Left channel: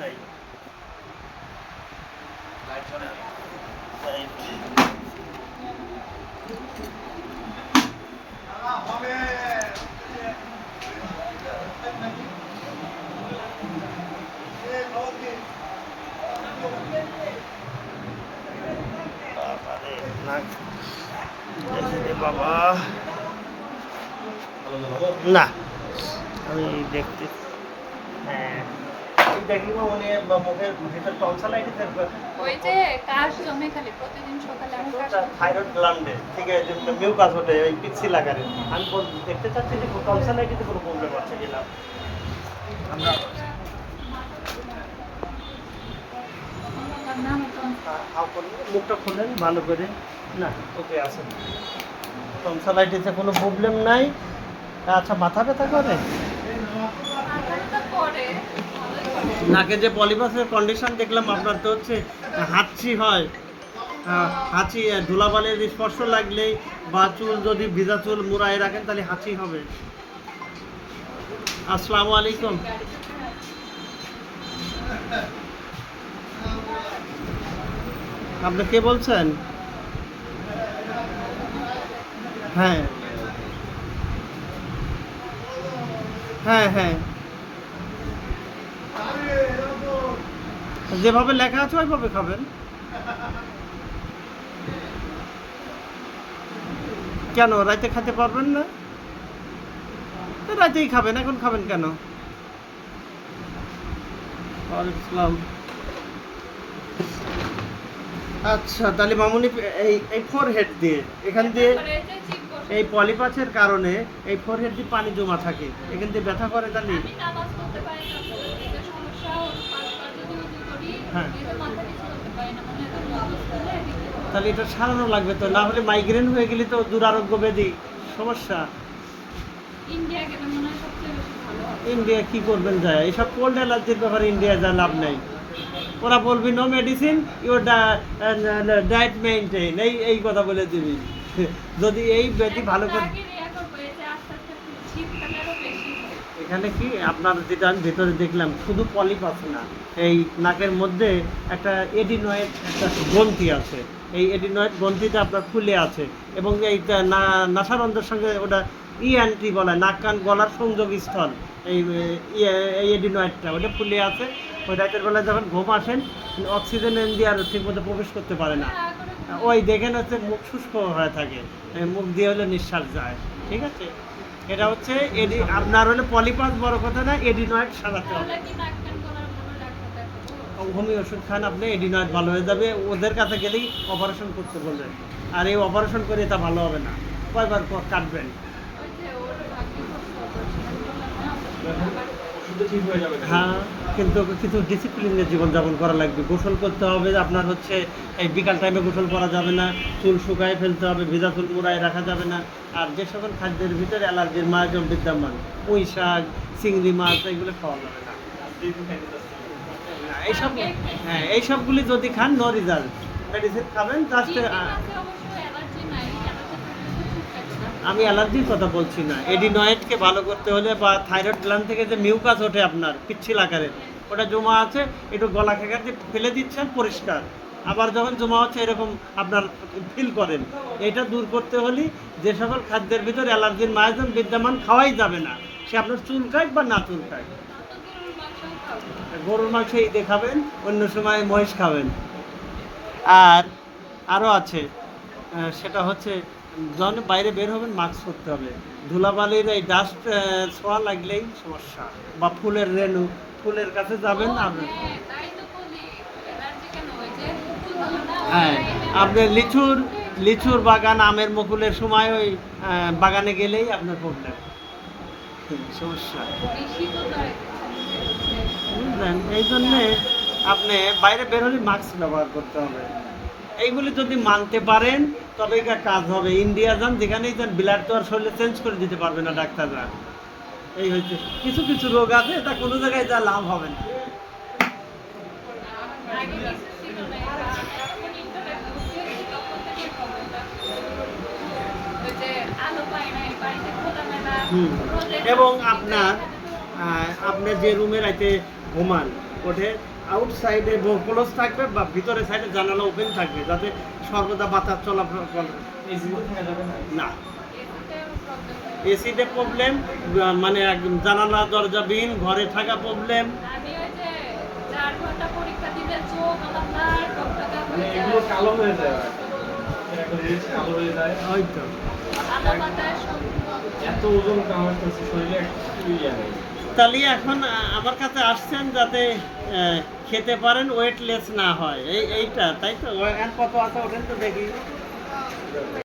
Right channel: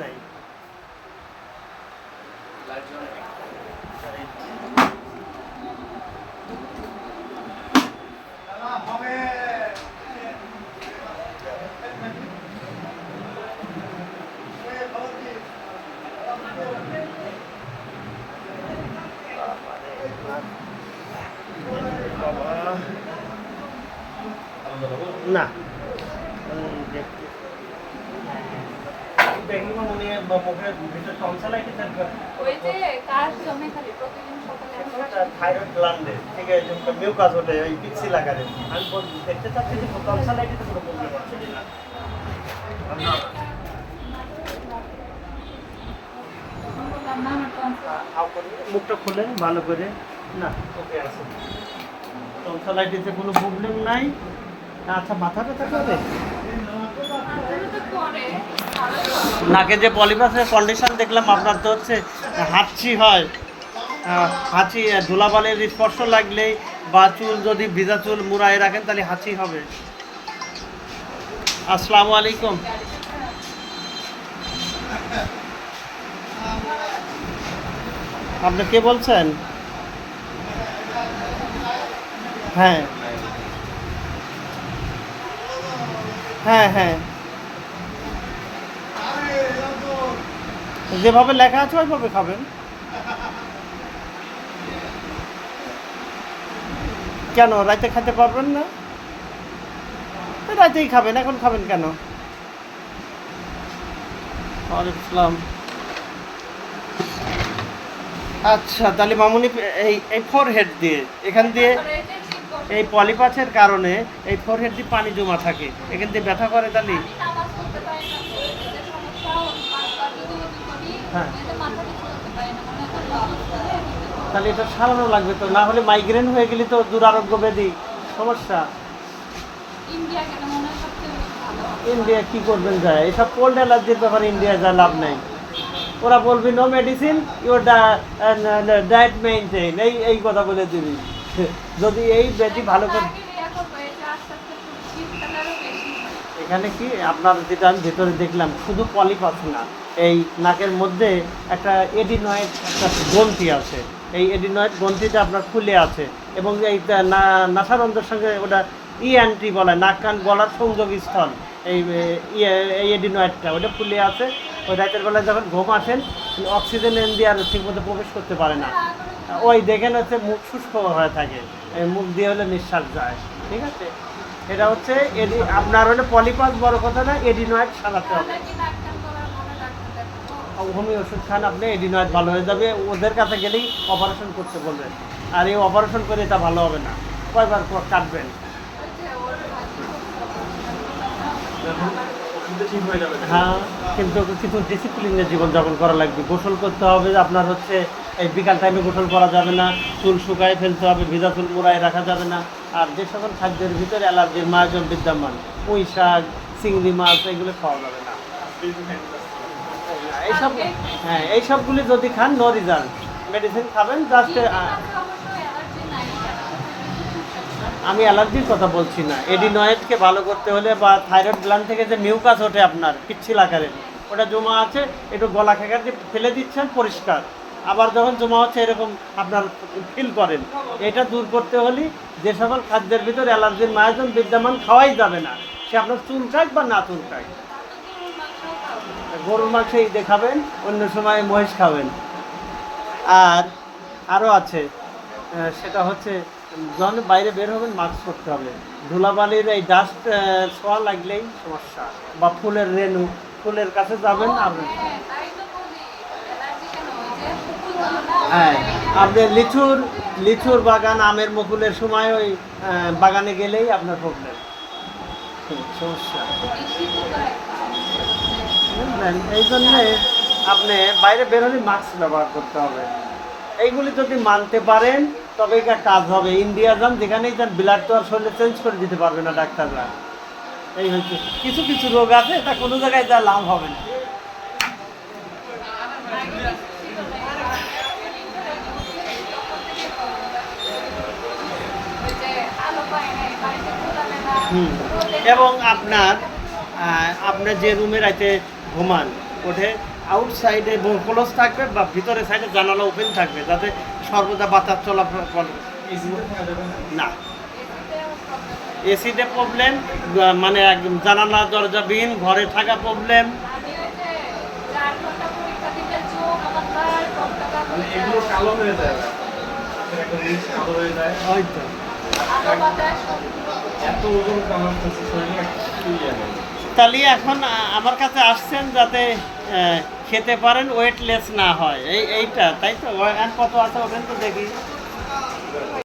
নাই বাবা না আমি দেখতে হ্যাঁ দেখি মুখের ভিতরে টনসালাইটিসের ওই যে কাশ জমে খালি প্রতিদিন সকালে থাইরয়েড গ্ল্যান্ডে ঠিক আছে? মিউকাস হলে ওই আমি দেখতে চাচ্ছি যে কোনো প্রবলেম আছে কিনা? মুখটা খুলেন ভালো করে। না এতে আছে। টনসালাইটিসে কোনো প্রবলেম নাই। আচ্ছা মাথা ব্যথা করে? নাকে যে পলিপাসের কন্ডিশন দেখলাম, আপনার তো হচ্ছে হাঁচি হয়। হাঁচি ধুলাবালির স্পর্শ লাগলেই বা চুল যদি ভিজা চুল মুড়ায় রাখেন, তাহলে হাঁচি হবে। আসসালামু আলাইকুম। আপনি কে বলছেন? হ্যাঁ। হ্যাঁ হ্যাঁ। যেভাবে লেখা আছে, ওইভাবে খাবেন। কেন? রাতে খেতে পারবেন না? রাতেই খাবেন, এখন খাবেন কেন? ওয়ালাইকুম আচ্ছা তাহলে মামুনি, এই এই ফোরহেড দিয়ে, এখান দিয়ে এই পলিপাসের কারণে এই ফোরহেড দিয়ে পানি জমা থাকে। এখান দিয়ে ব্যথা করে তাহলে? হয়, তাহলে এটা সারানো লাগবে তো না হলে মাইগ্রেন হয়ে গেলে তো দুরারোগ্য ব্যাধি সমস্যা ইন্ডিয়া কি করবেন যায়? এইসব কোল্ড অ্যালার্জির ব্যাপারে ইন্ডিয়া যা লাভ নাই। ওরা বলবি no medicine your diet maintain এই এই কথা বলে দিবি। যদি এই ব্যাধি ভালো করে আগে ইয়া করব, এই যে আস্তে আস্তে একটু শীতকালে আরও বেশি হয়। এখানে কি আপনার যেটা আমি ভেতরে দেখলাম, শুধু পলিপ আছে না, এই নাকের মধ্যে একটা এডিনয়েড একটা গ্রন্থি আছে। এই এডিনয়েড গ্রন্থিটা আপনার খুলে আছে এবং এই নাসারন্ধ্রের সঙ্গে ওটা ইএনটি বলে, নাক কান গলার সংযোগ স্থল। এই এই এডিনয়েডটা ওটা খুলে আছে। ওই রাতের বেলায় যখন ঘুম আসেন, অক্সিজেন দিয়ে আর ঠিকমতো প্রবেশ করতে পারে না। ওই দেখেন হচ্ছে মুখ শুষ্ক হয়ে থাকে। মুখ দিয়ে হলে নিঃশ্বাস যায়। ঠিক আছে? এটা হচ্ছে এডি, আপনার হলে পলিপাস, বড় কথা না, এডিনয়েড সারাতে হবে? হোমি ওষুধ খান আপনি, এডিনয়েড ভালো হয়ে যাবে। ওদের কাছে গেলেই অপারেশন করতে বলবেন আর এই অপারেশন করে তা ভালো হবে না। কয়বার কাটবেন? হ্যাঁ কিন্তু কিছু ডিসিপ্লিনের জীবনযাপন করা লাগবে। গোসল করতে হবে আপনার হচ্ছে এই বিকাল টাইমে গোসল করা যাবে না চুল শুকায় ফেলতে হবে ভেজা চুল মোড়ায় রাখা যাবে না। আর যে সকল খাদ্যের ভিতরে অ্যালার্জির মায়োজন বিদ্যমান পুঁই শাক চিংড়ি মাছ এগুলো খাওয়া যাবে না। এইসব হ্যাঁ এইসবগুলি যদি খান নো রেজাল্ট মেডিসিন খাবেন জাস্ট আমি অ্যালার্জির কথা বলছি না। এডিনয়েডকে ভালো করতে হলে বা থাইরয়েড গ্ল্যান্ড থেকে যে মিউকাস ওঠে আপনার পিচ্ছিল আকারের ওটা জমা আছে একটু গলা খেকার দিয়ে ফেলে দিচ্ছেন পরিষ্কার। আবার যখন জমা হচ্ছে এরকম আপনার ফিল করেন। এটা দূর করতে হলে যে সকল খাদ্যের ভিতর অ্যালার্জির মায়োজন বিদ্যমান খাওয়াই যাবে না। সে আপনার চুল কাট বা না চুল কাট গরুর মাংসই দেখাবেন অন্য সময় মহিষ খাবেন। আর আরও আছে সেটা হচ্ছে যখন বাইরে বের হবেন মাস্ক পরতে হবে। ধুলাবালির এই ডাস্ট ছোঁয়া লাগলেই সমস্যা। বা ফুলের রেণু ফুলের কাছে যাবেন আপনি হ্যাঁ আপনি লিচুর লিচুর বাগান আমের মুকুলের সময় ওই বাগানে গেলেই আপনার প্রবলেম সমস্যা। এই জন্যে আপনি বাইরে বের হলে মাস্ক ব্যবহার করতে হবে। এইগুলি যদি মানতে পারেন তবে এটা কাজ হবে ইন্ডিয়া যান, যেখানেই যান ব্লাড তো আর শরীরে চেঞ্জ করে দিতে পারবে না ডাক্তাররা এই হচ্ছে, কিছু কিছু রোগ আছে, তা কোনো জায়গায় যা লাভ হবে না। এবং আপনার আপনার যে রুমে রাইতে ঘুমান, ওঠে আউটসাইডে ক্লোজ থাকবে বা ভিতরে সাইডে জানালা ওপেন থাকবে, যাতে সর্বদা বাতাস চলাফল করে। না। এসিতে প্রবলেম মানে একদম জানালা দরজাবিহীন ঘরে থাকা প্রবলেম এগুলো কালো হয়ে যায় কালো হয়ে হয়তো এত ওজন কামাচ্ছে শরীরে তাহলে এখন আমার কাছে আসছেন যাতে খেতে পারেন ওয়েটলেস না হয়। এই, এইটা, তাই তো? কত আছে, ওঠেন তো দেখি।